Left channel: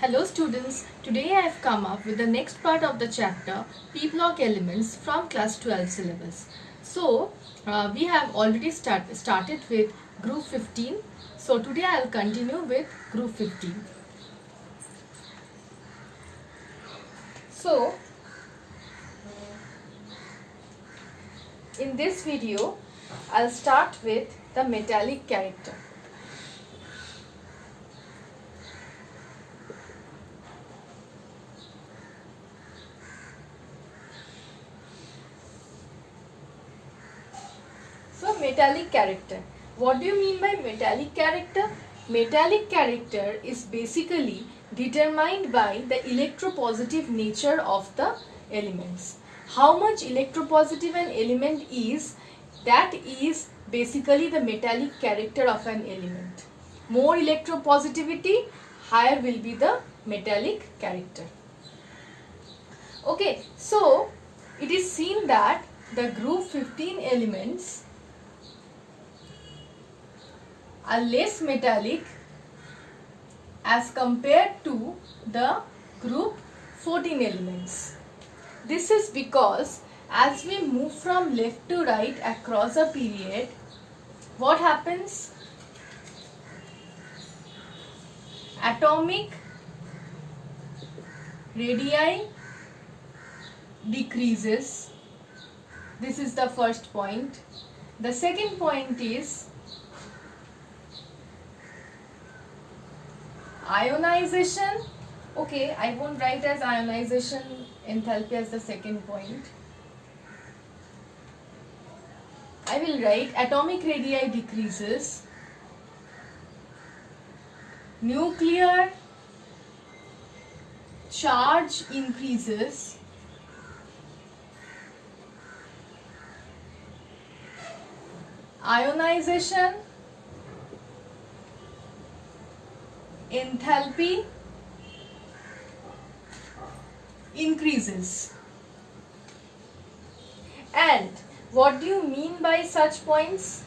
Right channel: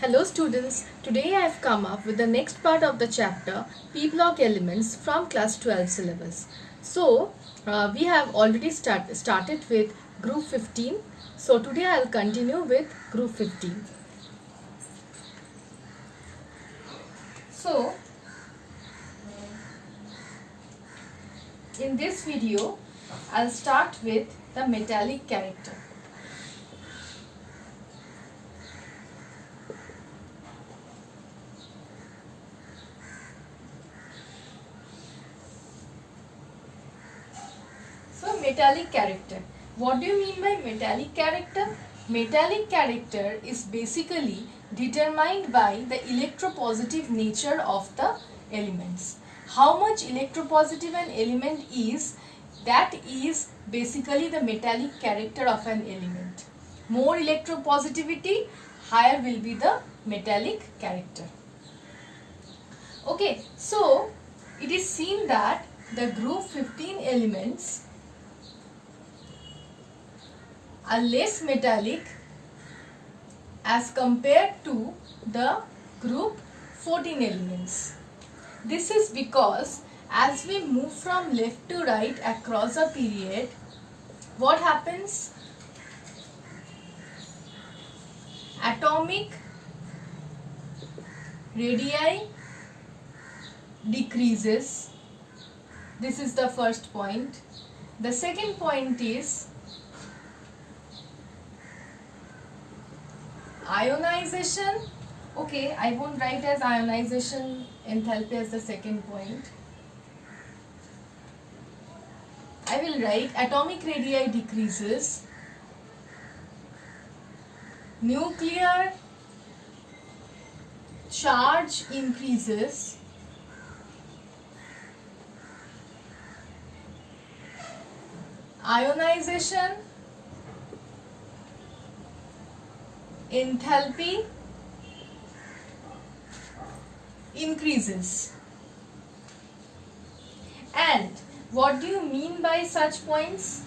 Hello students, today I have come up with the next part of the chapter P block elements from class 12 syllabus. So we have already started with group 15. So today I will continue with group 15. So in this video I'll start with the metallic character. Metallic character. What do you mean by metallic character? Metallic character is basically determined by the electropositive nature of the elements. How much electropositive an element is, that is basically the metallic character of an element. More electropositivity, higher will be the metallic character. Okay, so it is seen that the group 15 elements are less metallic as compared to the group 14 elements. This is because as we move from left to right across a period, what happens? Atomic radii decreases. This is the first point. The second point is ionization. Okay, I won't write as ionization enthalpy as the second point. I will write atomic radii decreases, nuclear charge increases, ionization enthalpy increases. And what do you mean by such points?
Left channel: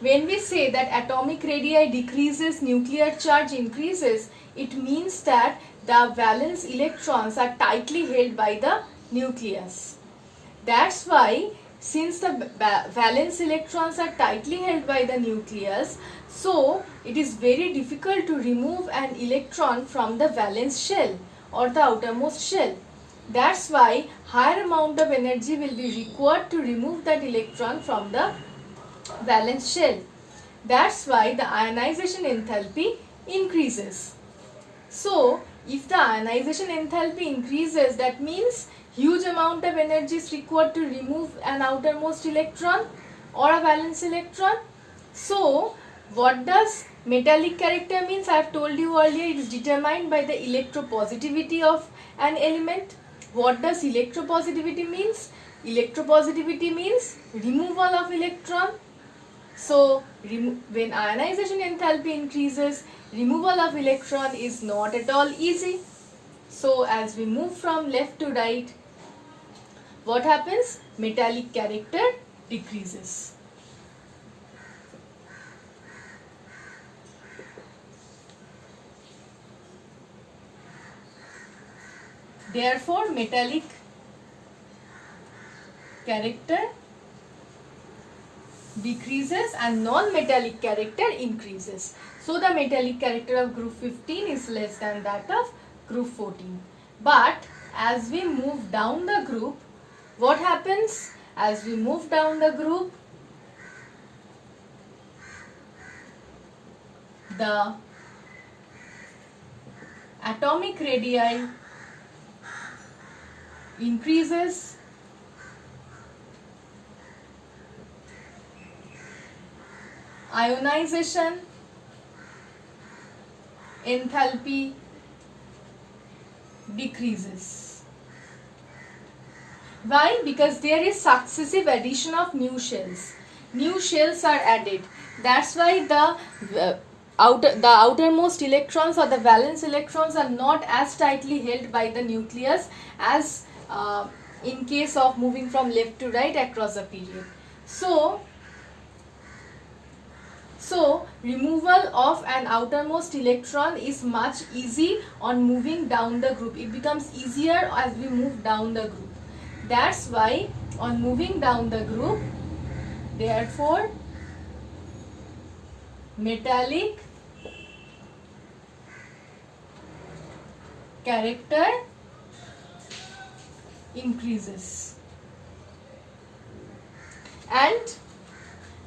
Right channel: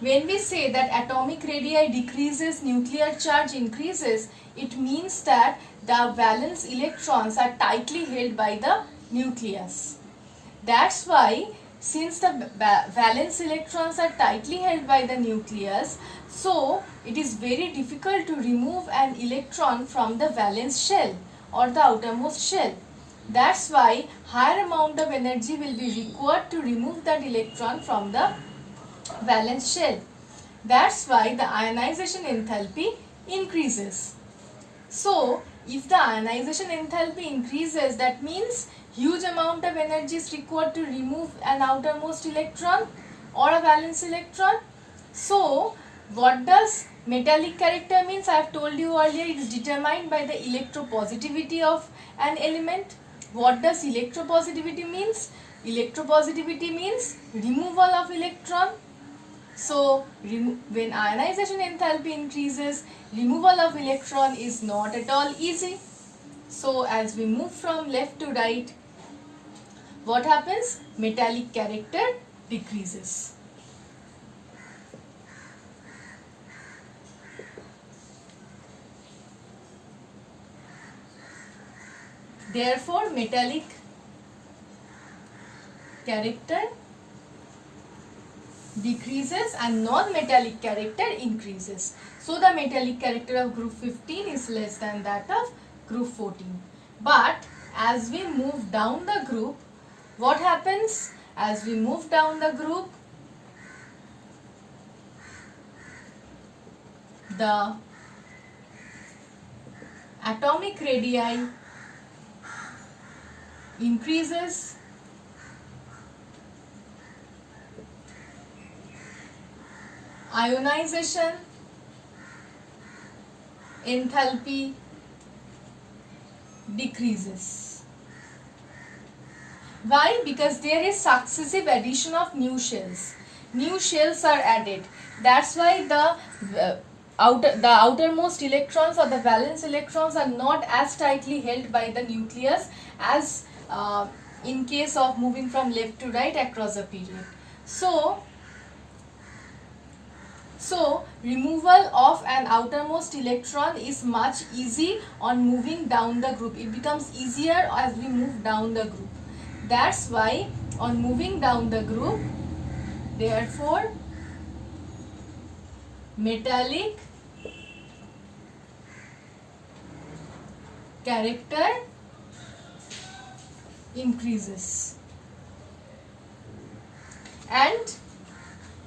When we say that atomic radii decreases, nuclear charge increases, it means that the valence electrons are tightly held by the nucleus. That's why, since the valence electrons are tightly held by the nucleus, so it is very difficult to remove an electron from the valence shell or the outermost shell. That's why higher amount of energy will be required to remove that electron from the valence shell. That's why the ionization enthalpy increases. So if the ionization enthalpy increases, that means huge amount of energy is required to remove an outermost electron or a valence electron. So what does metallic character means? I have told you earlier, it is determined by the electropositivity of an element. What does electropositivity means? Electropositivity means removal of electron. So when ionization enthalpy increases, removal of electron is not at all easy. So as we move from left to right, what happens? Metallic character decreases. Therefore, metallic character decreases and non-metallic character increases. So the metallic character of group 15 is less than that of group 14. But as we move down the group, what happens? As we move down the group, the atomic radii increases, ionization enthalpy decreases. Why? Because there is successive addition of new shells. New shells are added. That's why the outermost electrons or the valence electrons are not as tightly held by the nucleus as in case of moving from left to right across a period. So So removal of an outermost electron is much easy on moving down the group. It becomes easier as we move down the group. That's why on moving down the group, therefore metallic character increases. And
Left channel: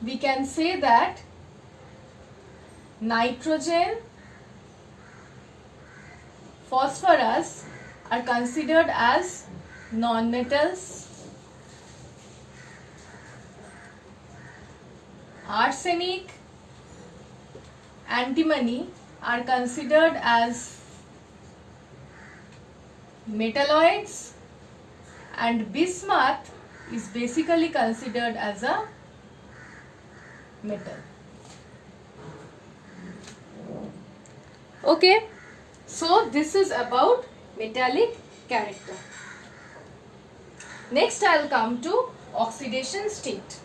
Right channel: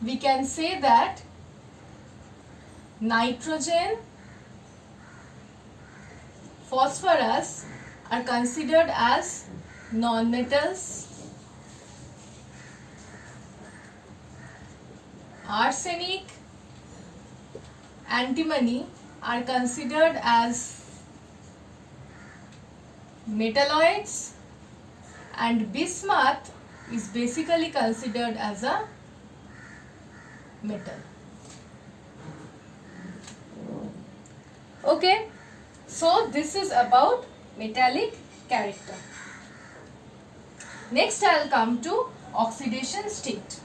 we can say that nitrogen, phosphorus are considered as non-metals. Arsenic, antimony are considered as metalloids, and bismuth is basically considered as a metal. Okay, so this is about metallic character. Next I'll come to oxidation state.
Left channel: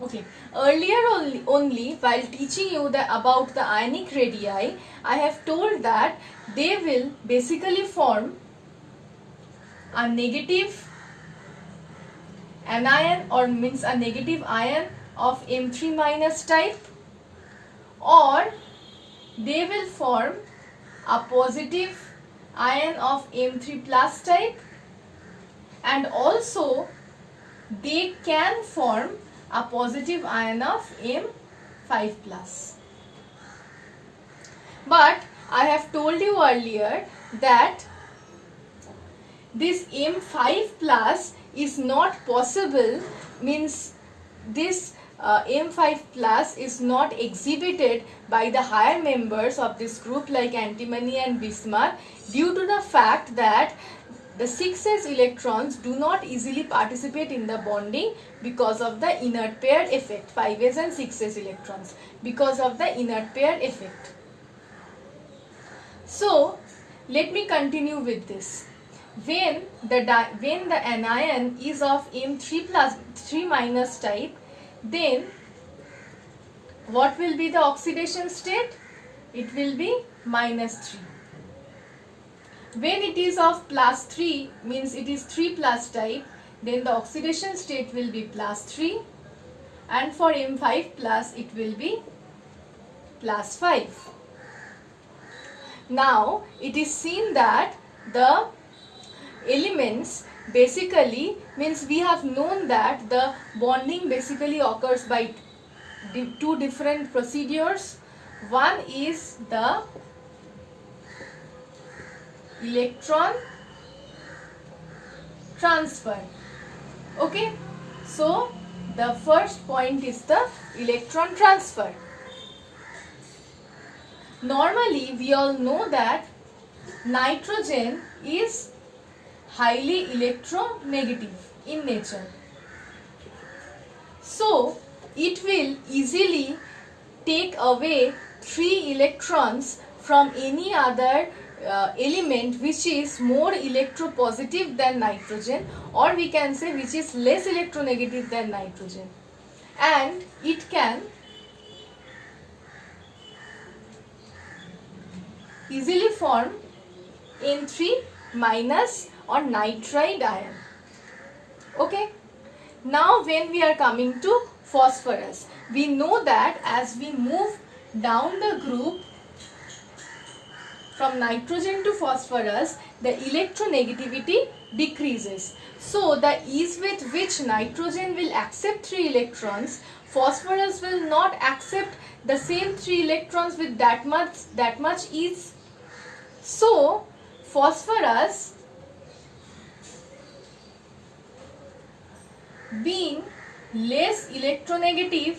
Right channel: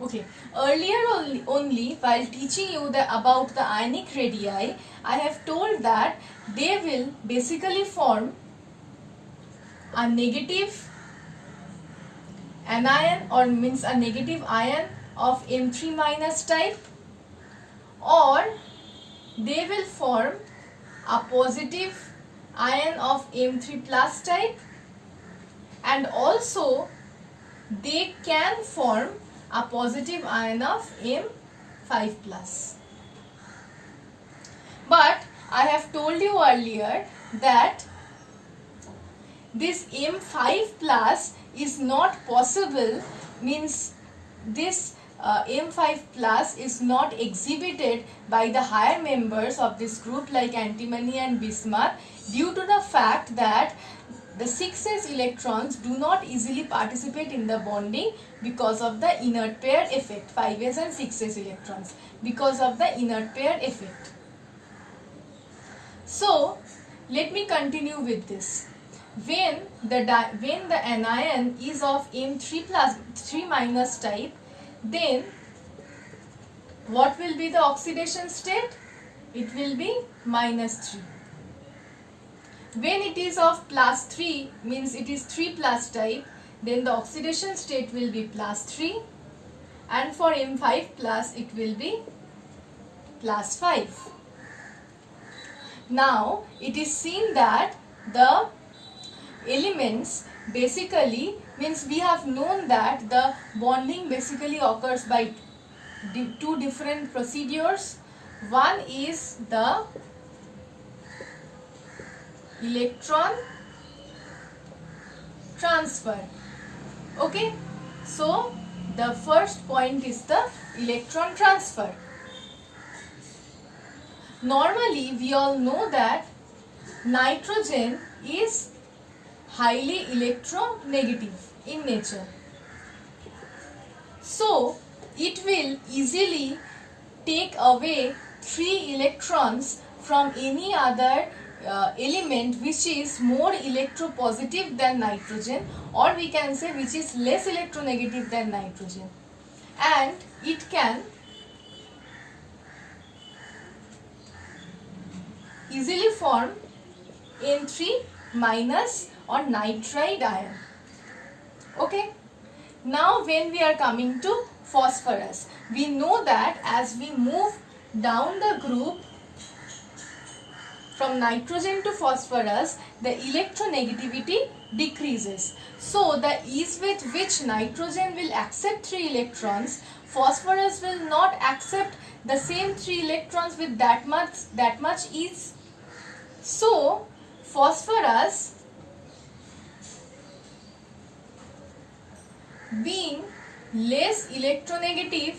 Okay, earlier only while teaching you about the ionic radii, I have told that they will basically form a negative anion, or means a negative ion of M3 minus type, or they will form a positive ion of M3 plus type, and also they can form a positive ion of M5 plus. But I have told you earlier that this M5 plus is not possible, means this M5 plus is not exhibited by the higher members of this group like antimony and bismuth, due to the fact that the 6s electrons do not easily participate in the bonding because of the inert pair effect. 5s and 6s electrons, because of the inert pair effect. So let me continue with this. When the anion is of M3 plus 3 minus type, then what will be the oxidation state? It will be minus 3. When it is of plus 3, means it is 3 plus type, then the oxidation state will be plus 3, and for M5 plus it will be plus 5. Now it is seen that the elements basically, means we have known that the bonding basically occurs by two different procedures. One is the electron transfer. Okay, so the first point is the electron transfer. Normally we all know that nitrogen is highly electronegative in nature, so it will easily take away 3 electrons from any other element which is more electropositive than nitrogen, or we can say which is less electronegative than nitrogen, and it can easily form N3 minus or nitride ion. Okay, now when we are coming to phosphorus, we know that as we move down the group from nitrogen to phosphorus, the electronegativity decreases. So the ease with which nitrogen will accept 3 electrons, phosphorus will not accept the same 3 electrons with that much ease. So phosphorus, being less electronegative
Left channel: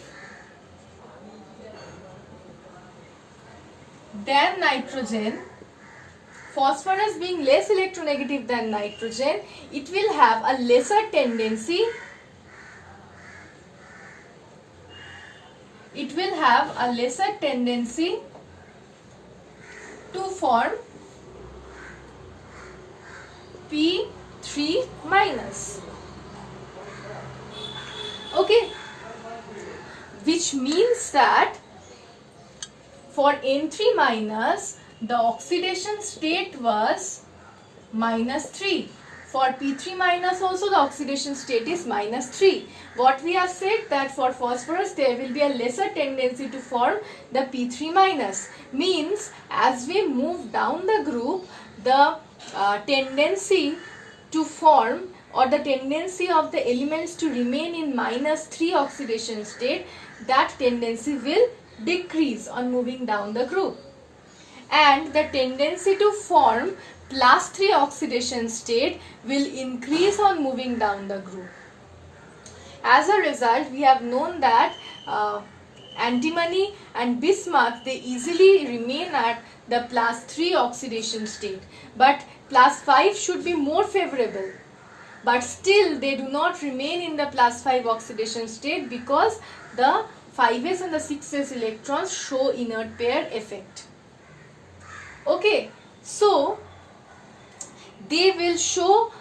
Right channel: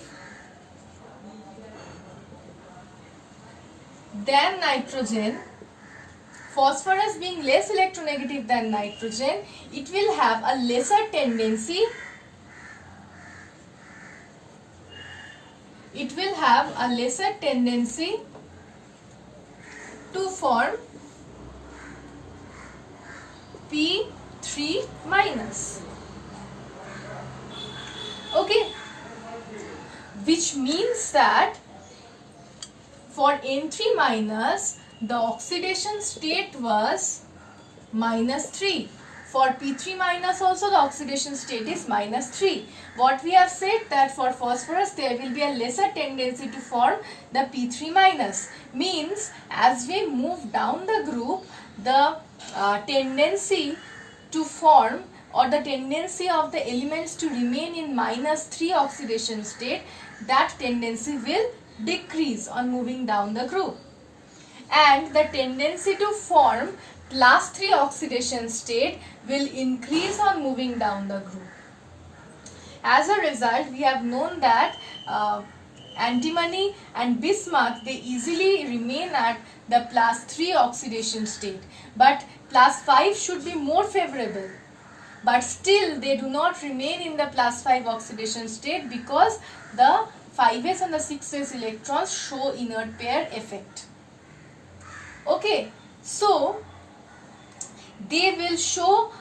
than nitrogen, phosphorus being less electronegative than nitrogen, it will have a lesser tendency. It will have a lesser tendency to form P3 minus. Okay, which means that for N3 minus, the oxidation state was -3. For P3 minus also the oxidation state is -3. What we have said that for phosphorus there will be a lesser tendency to form the P3 minus. Means as we move down the group, the tendency to form or the tendency of the elements to remain in -3 oxidation state, that tendency will decrease on moving down the group. And the tendency to form +3 oxidation state will increase on moving down the group. As a result, we have known that antimony and bismuth, they easily remain at the +3 oxidation state, but +5 should be more favorable. But still they do not remain in the +5 oxidation state because the 5s and the 6s electrons show inert pair effect. Okay, so they will show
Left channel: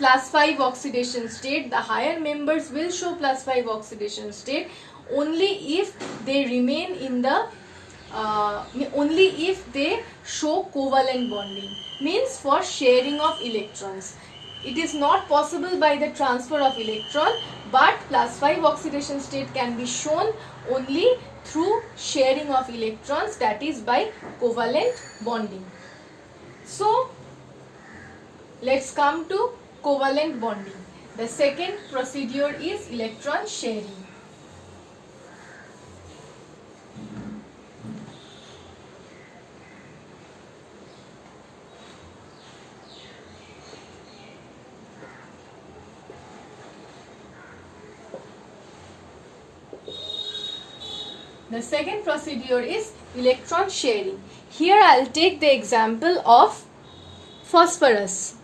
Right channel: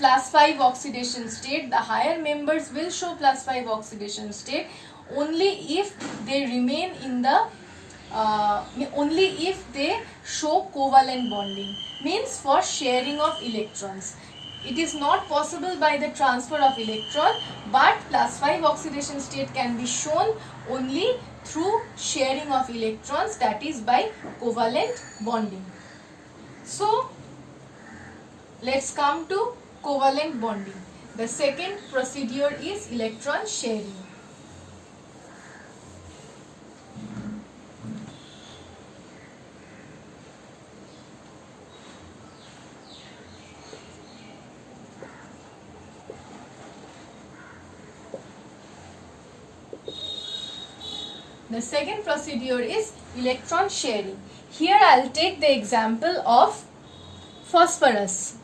+5 oxidation state. The higher members will show +5 oxidation state only if they remain in the only if they show covalent bonding, means for sharing of electrons. It is not possible by the transfer of electron, but +5 oxidation state can be shown only through sharing of electrons, that is by covalent bonding. So let's come to covalent bonding. The second procedure is electron sharing. The second procedure is electron sharing. Here I will take the example of phosphorus.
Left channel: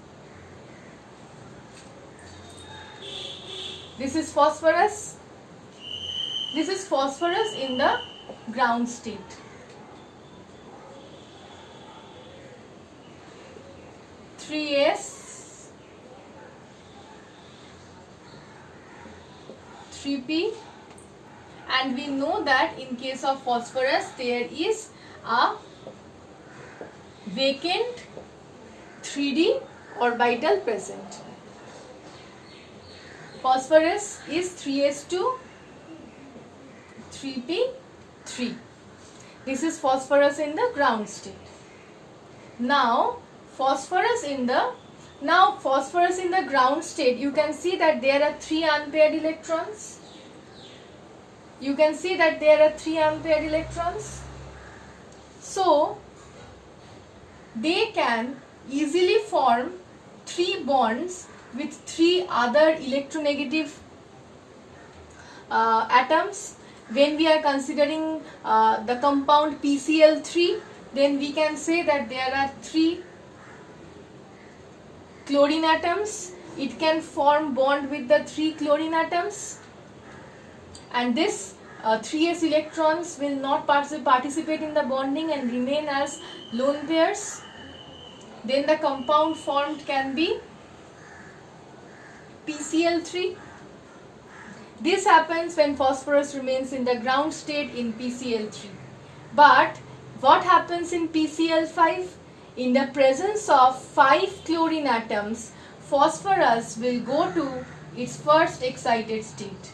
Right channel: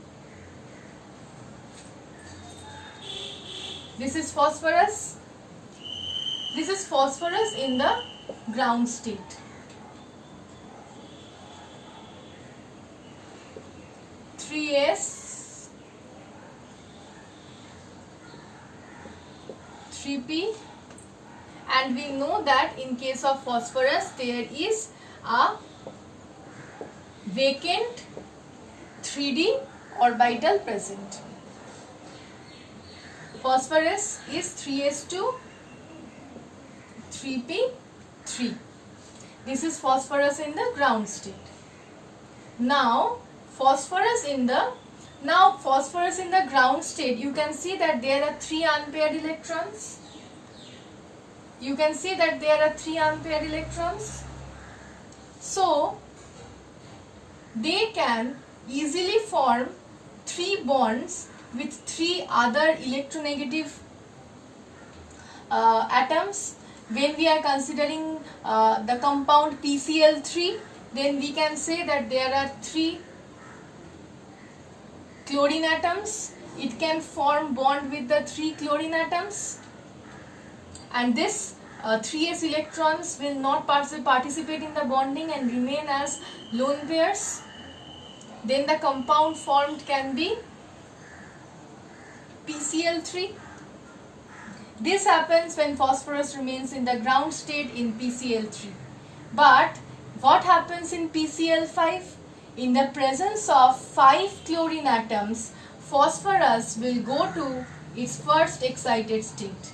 This is phosphorus. This is phosphorus in the ground state. 3s, 3p, and we know that in case of phosphorus there is a vacant 3d orbital present. Phosphorus is 3s2, 3p3. This is phosphorus in the ground state. Now phosphorus in the ground state, you can see that there are 3 unpaired electrons. You can see that there are 3 unpaired electrons. So they can easily form 3 bonds with 3 other electronegative atoms. When we are considering the compound PCl3, then we can say that there are 3 chlorine atoms. It can form bond with the 3 chlorine atoms, and this 3s electrons will not participate in the bonding and remain as lone pairs. Then the compound formed can be PCl3. This happens when phosphorus remains in the ground state in PCl3. But what happens in PCl5? In the presence of 5 chlorine atoms, phosphorus will go to its first excited state.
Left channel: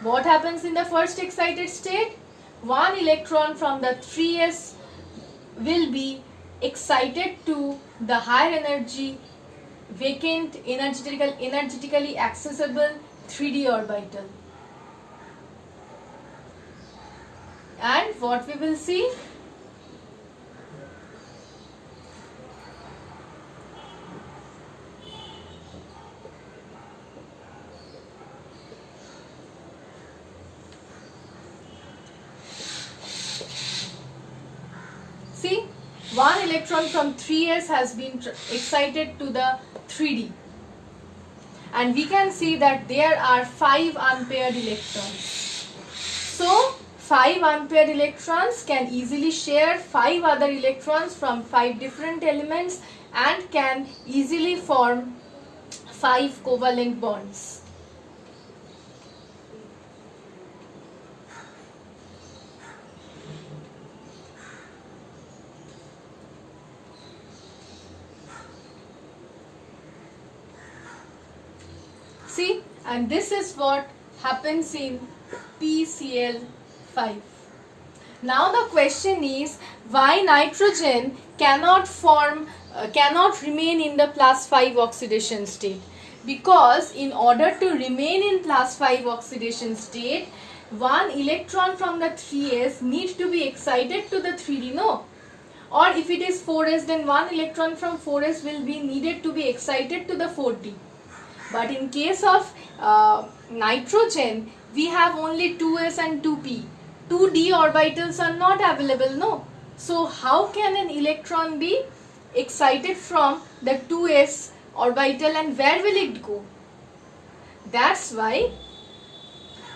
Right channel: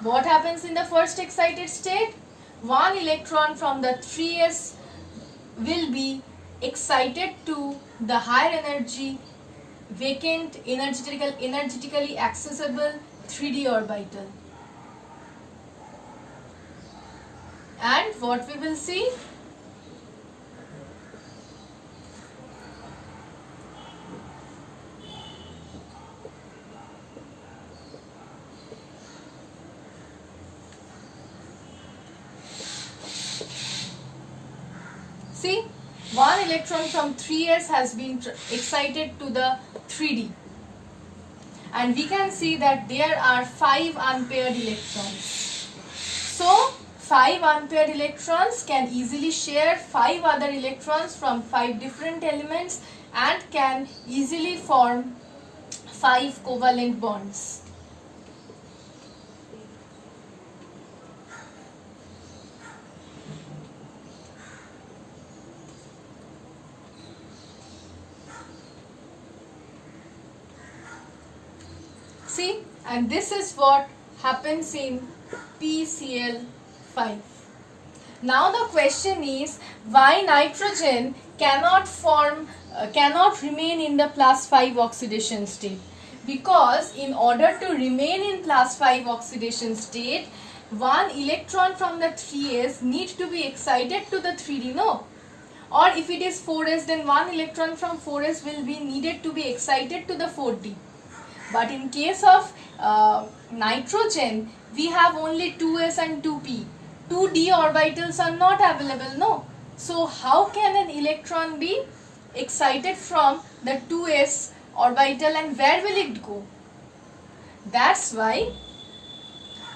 What happens in the first excited state? One electron from the 3s will be excited to the higher energy, vacant, energetically accessible 3d orbital. And what we will see? See, one electron from 3s has been excited to the 3d, and we can see that there are 5 unpaired electrons. So 5 unpaired electrons can easily share 5 other electrons from 5 different elements and can easily form 5 covalent bonds. See, and this is what happens in PCl5. Now the question is, why nitrogen cannot remain in the +5 oxidation state? Because in order to remain in +5 oxidation state, one electron from the 3s need to be excited to the 3d, no? Or if it is 4s, then one electron from 4s will be needed to be excited to the 4d. But in case of nitrogen, we have only 2s and 2p. 2d orbitals are not available, no? So how can an electron be excited from the 2s orbital, and where will it go? That's why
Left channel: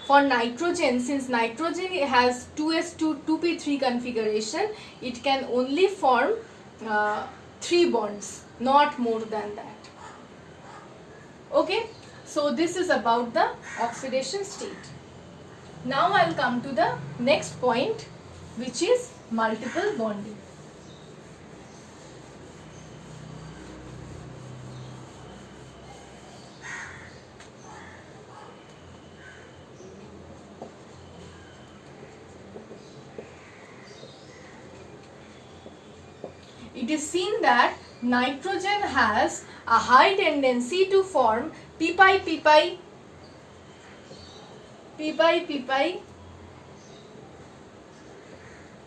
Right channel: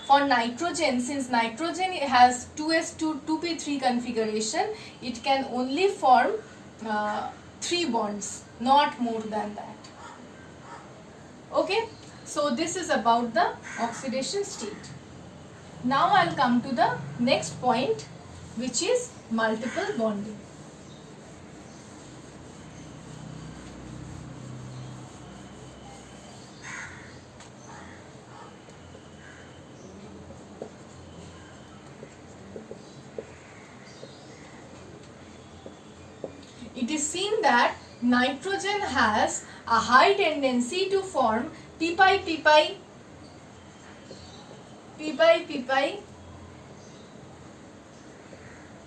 for nitrogen, since nitrogen has 2s2 2p3 configuration, it can only form 3 bonds, not more than that. Okay, so this is about the oxidation state. Now I'll come to the next point, which is multiple bonding. It is seen that nitrogen has a high tendency to form p-pi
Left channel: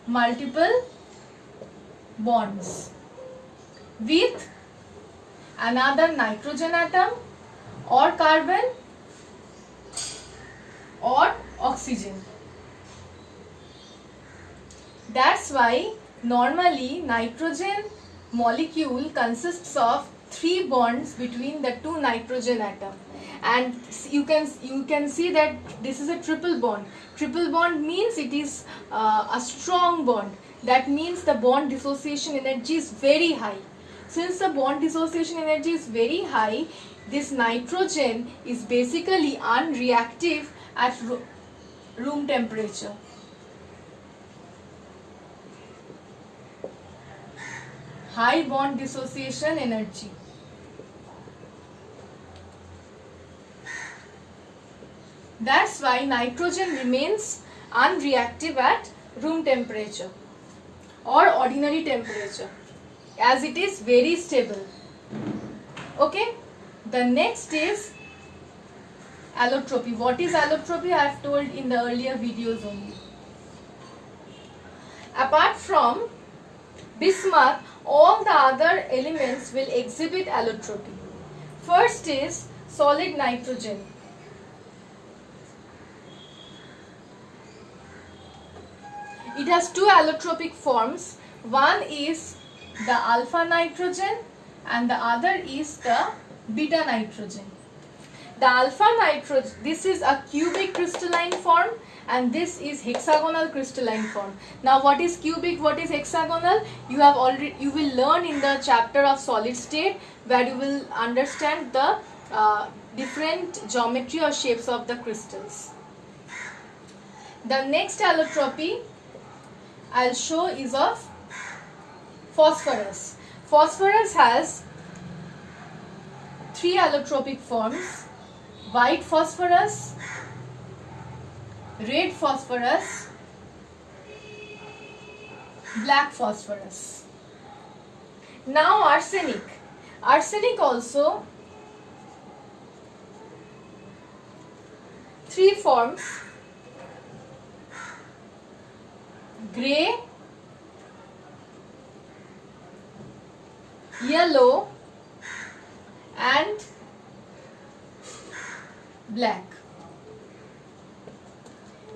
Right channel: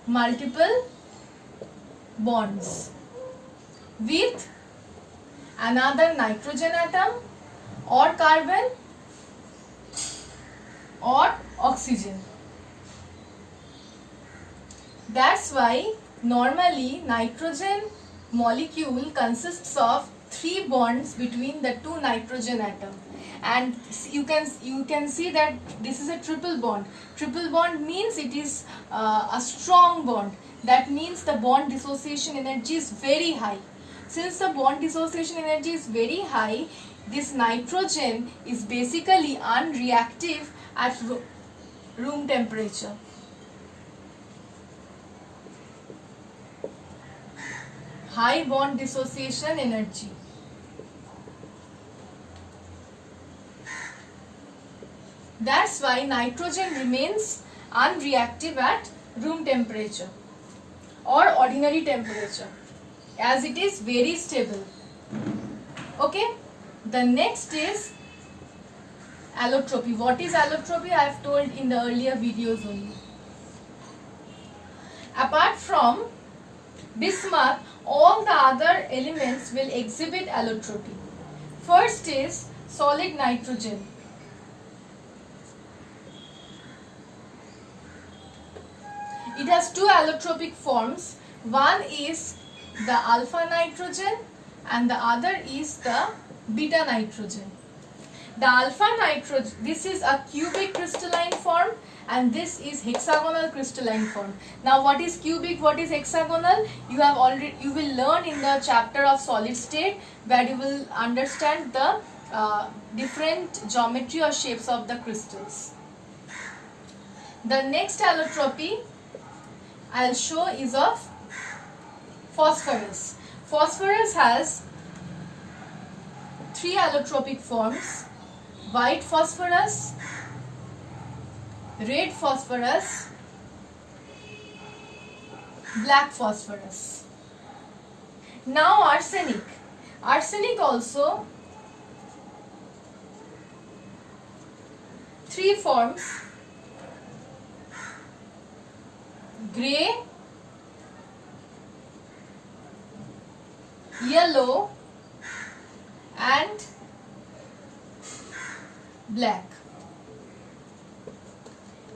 multiple bonds with another nitrogen atom or carbon or oxygen. That's why normally nitrogen molecule consists of 3 bonds between the 2 nitrogen atoms, and you can see that this is a triple bond. Triple bond means it is a strong bond. That means the bond dissociation energy is very high. Since the bond dissociation energy is very high, this nitrogen is basically unreactive at room temperature. High bond dissociation energy. That's why nitrogen remains unreactive at room temperature or ordinary temperature, as it is very stable. Okay, the next is allotropy. What is allotropy? I have told in the earlier videos only. Apart from bismuth, all the other elements will exhibit allotropy. First is solid nitrogen. It has 2 allotropic forms. One is the alpha nitrogen and the other is the beta nitrogen. The alpha nitrogen, this is a cubic crystalline form, and this is hexagonal crystalline form. Now what is cubic, what is hexagonal? You will learn in the chapter of solid state, where you will understand the different geometry or shapes of the crystals. The next allotropy I'll show is of phosphorus. Phosphorus has 3 allotropic forms: white phosphorus, red phosphorus, black phosphorus. Now arsenic. Arsenic also 3 forms: grey, yellow and black.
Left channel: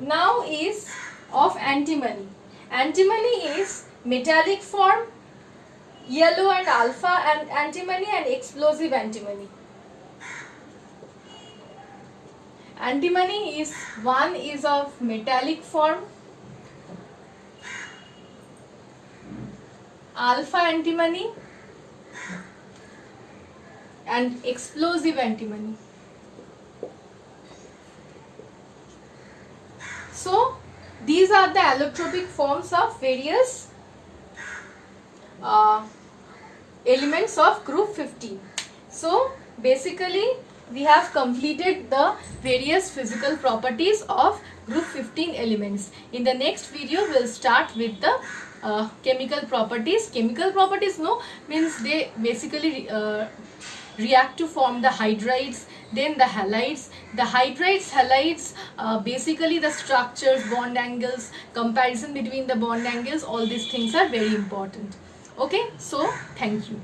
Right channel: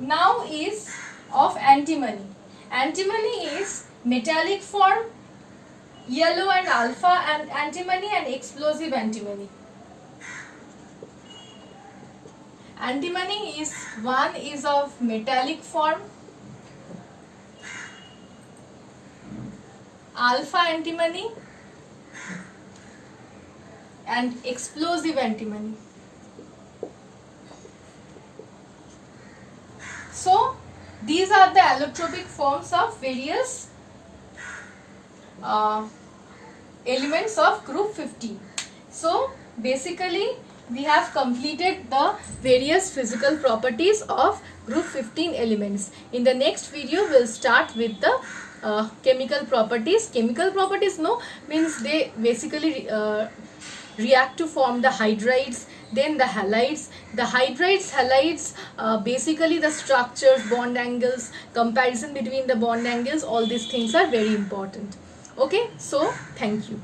Now is of antimony. Antimony is metallic form, yellow and alpha and antimony, and explosive antimony. Antimony is one is of metallic form, alpha antimony and explosive antimony. So these are the allotropic forms of various elements of group 15. So basically we have completed the various physical properties of group 15 elements. In the next video we will start with the chemical properties. Chemical properties means they basically react to form the hydrides, then the halides. The hydrides, halides, basically the structures, bond angles, comparison between the bond angles, all these things are very important. Okay, so thank you.